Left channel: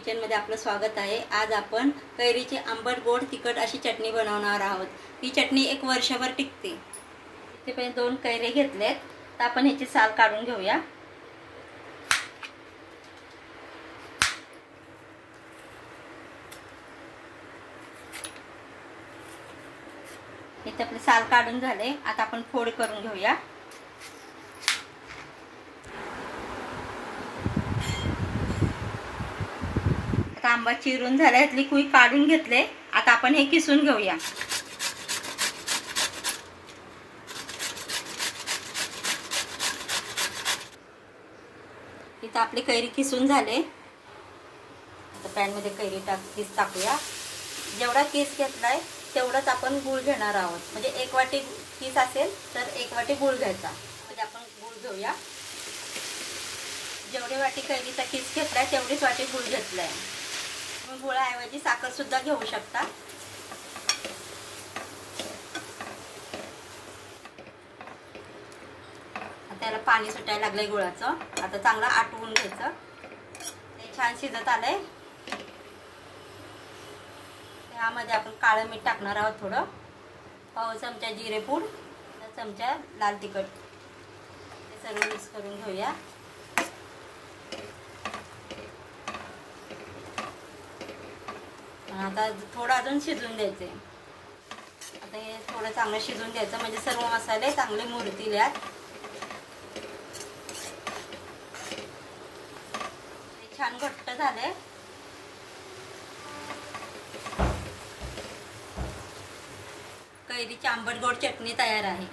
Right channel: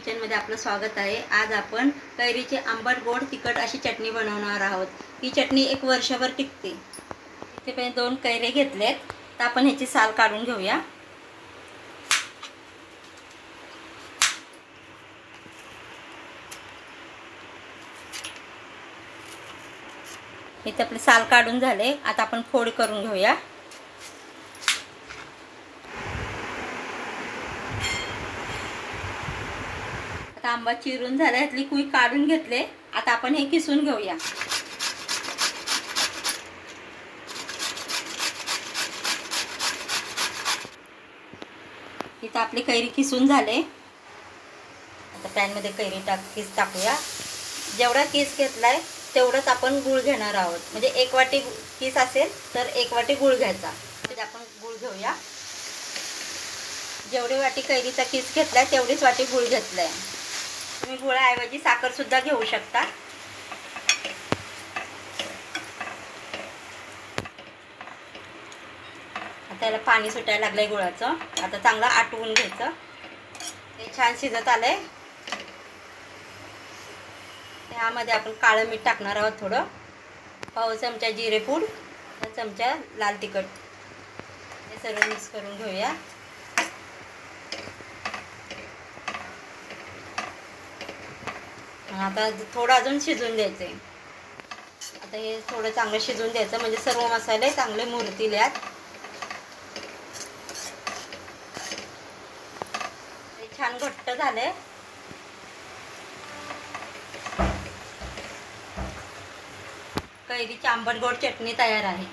किचनमध्ये आपलं स्वागत आहे। आज आपण कैरीचे आंबट गोड तिखट अशी चटणी बनवणार आहोत। ही चटणी एक वर्षभर टिकते। इथे मी 2 कैरी घेतलेत, तर आपण ह्याची साल काढून घेऊया। इथे आपले साल काढून झाले, आता आपण फोड करून घेऊया। आंबा चिरून झाल्यातली कुई काढून घेतले, आता आपण हे किसून घेऊया। इथे आपली कैरी किसून झाले। आता पॅन मध्ये कैरी किस टाकूया। जेवढा किस घेतलाय तेवढंच आपण गूळ घेणार आहोत। म्हणजे 1 वाटी किस असेल तर 1 वाटी गूळ घ्यायचा। तर आपण गूळ घेऊया। जेवढी वाटी कैरीचा किस घेतलाय तेवढीच वाटी गूळ घेतलाय। तुम्ही गुळाऐवजी साखर सुद्धा घेऊ शकता। आता याला पाणी सुटायला लागलंय गुळाचं। आता चांगलं आटवून घ्यायचं। हे छान शिजत आलंय। यामध्ये आपण काळं मीठ टाकणार आहोत, थोडं पाव चमचा जिरे पूड, चमचा लाल तिखट। हे सर्व मिक्स करून घेऊया। आता थोडं अजून शिजून द्यायचे। आता हे थोडं चांगलं शिजून द्यायचं, म्हणजे सर्व मसाले चांगले मुरतील यात। हे छान घट्ट झाले। कैरीची आंबट गोड चटणी तयार आहे।